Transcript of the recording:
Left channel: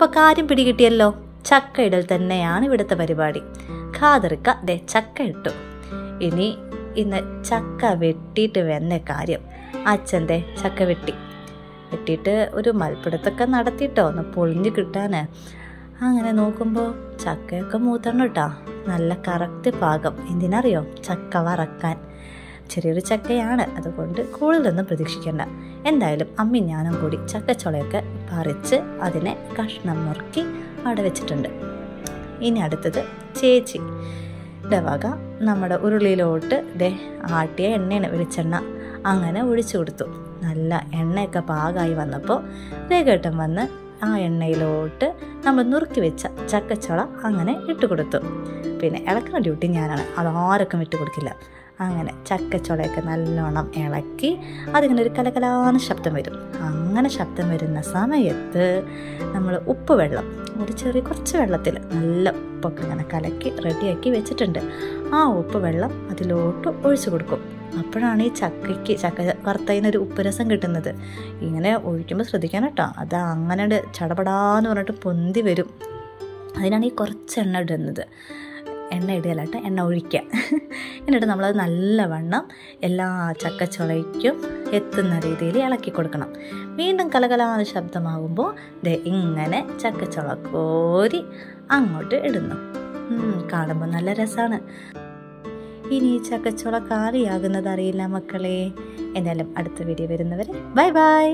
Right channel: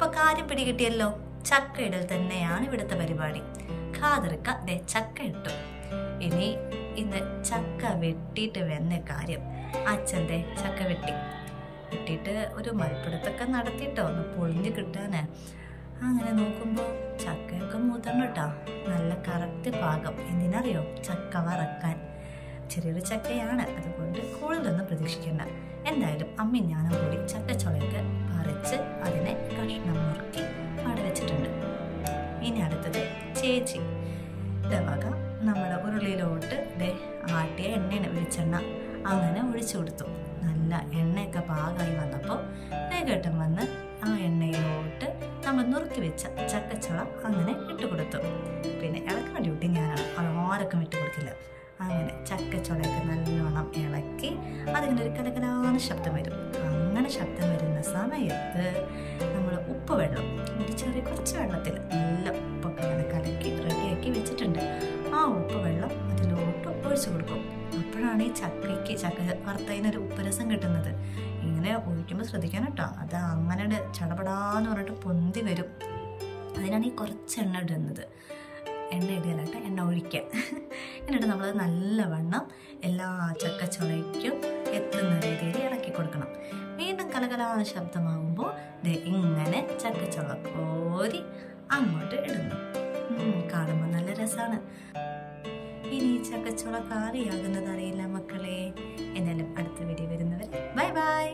അപ്പോൾ കാര്യം പിടികിട്ടിയല്ലോ. ചക്ക ഇടൽ തന്നെയാണ് ഇവിടുത്തെ പരിപാടി. ഖാദർക്ക ദേ ചക്ക ഇട്ടു. ഇന്ന് ചക്ക വെട്ടിയിട്ട് വന്ന കാര്യം. അച്ഛൻ്റെ ചക്ക വെട്ടിയിട്ട് ഒരു മൽപ്പിടുത്തൊക്കെ നടത്തിയിട്ടോ ഒന്ന് പൊളിഞ്ഞ് കിട്ടാൻ. അങ്ങനെ നോക്കുമ്പോൾ ചക്കയൊക്കെ മൂത്തണം കേട്ടോ. നല്ല കറക്റ്റ് പാകം. എന്തിനറിയോ? ചക്ക വറക്കാൻ. ചെറിയൊരു ചക്കയാണ്, അതുകൊണ്ട് കൂടുതലൊന്നും പ്രതീക്ഷിക്കേണ്ട. എന്തായാലും അമ്മി ഞാനും കൂടി ചക്കച്ചുളയൊക്കെ പറിച്ച് അതിനെ കഷ്ണം മുറുക്കി അവിടെ വെച്ചിട്ടുണ്ട്. ഇനി അടുത്തത് ചേച്ചി വക നമ്മുടെ ഉരുളിയിലോട്ട് ആട്ടിയ എണ്ണയാണ്, വെളിച്ചെണ്ണ അങ്ങനെ ഒഴിച്ചു കൊടുത്തു. നല്ല എണ്ണയൊക്കെ പാകമായി വന്നപ്പോൾ വേഗേട്ടം വന്ന് ആ എണ്ണയിലോട്ട് നമ്മൾ നുറുക്കി വെച്ച ചക്കച്ചുള അങ്ങനെ ഇട്ട് കൊടുത്തു. പിന്നെ ഇളക്കുന്ന ഡ്യൂട്ടി ഞാനാണ്, അതാരൊക്കെ വിട്ടു കൊടുക്കില്ല. അങ്ങനെ ചക്കച്ചുളയൊക്കെ നല്ലോണം ഇളക്കി അതിങ്ങനെ ഒരു കലകലാന ശബ്ദം വരും. അങ്ങനെ ശബ്ദം വരുന്ന സമയത്ത് നമ്മൾ ഉപ്പ് വെള്ളം കുറച്ച് വെള്ളത്തിൽ നല്ല ഉപ്പൊക്കെ ഇങ്ങനെ കലക്കി റെഡിയാക്കി വെച്ചിട്ടുണ്ട്. ആ ഉപ്പ് വെള്ളം അതിലോട്ട് ഒഴിച്ചു കൊടുക്കും. അപ്പോഴാണ് ഈ ചക്ക വറുത്തതിനൊരു ഉപ്പ് രസം കിട്ടുന്നത്. ഇങ്ങനെ ഒഴിക്കുമ്പോൾ ശ്രദ്ധിക്കാൻ കേട്ടോ, അത് അങ്ങനെ ചടപടാന്ന് പറഞ്ഞിട്ട് പൊന്തി വരും. അതിനാണ് ഈ കുറച്ച് എണ്ണ ഇടുന്നത്. എണ്ണ ഇടുകയല്ലാട്ട് എണ്ണ ഒഴിക്കുക. എന്നിട്ട് നമ്മളത് നല്ലവണ്ണം എല്ലാ ചക്കച്ചുളയ്ക്കും എത്തുന്ന രീതിയിൽ ഇളക്കി കൊടുക്കണം. വീണ്ടും കലകലാ ശബ്ദമാകുമ്പോൾ ഇങ്ങനെ ചക്കച്ചുള കോരി അങ്ങോട്ട് ഇടുന്നു. കാണുമ്പോൾ നല്ല രസമാണ്. ഇനി ചക്കച്ചുള കാറിയാകുന്നത് അറിയില്ല മക്കളെ. എന്നാലും അടുത്ത വീഡിയോ വരുന്നവരെ ബൈ ബൈ.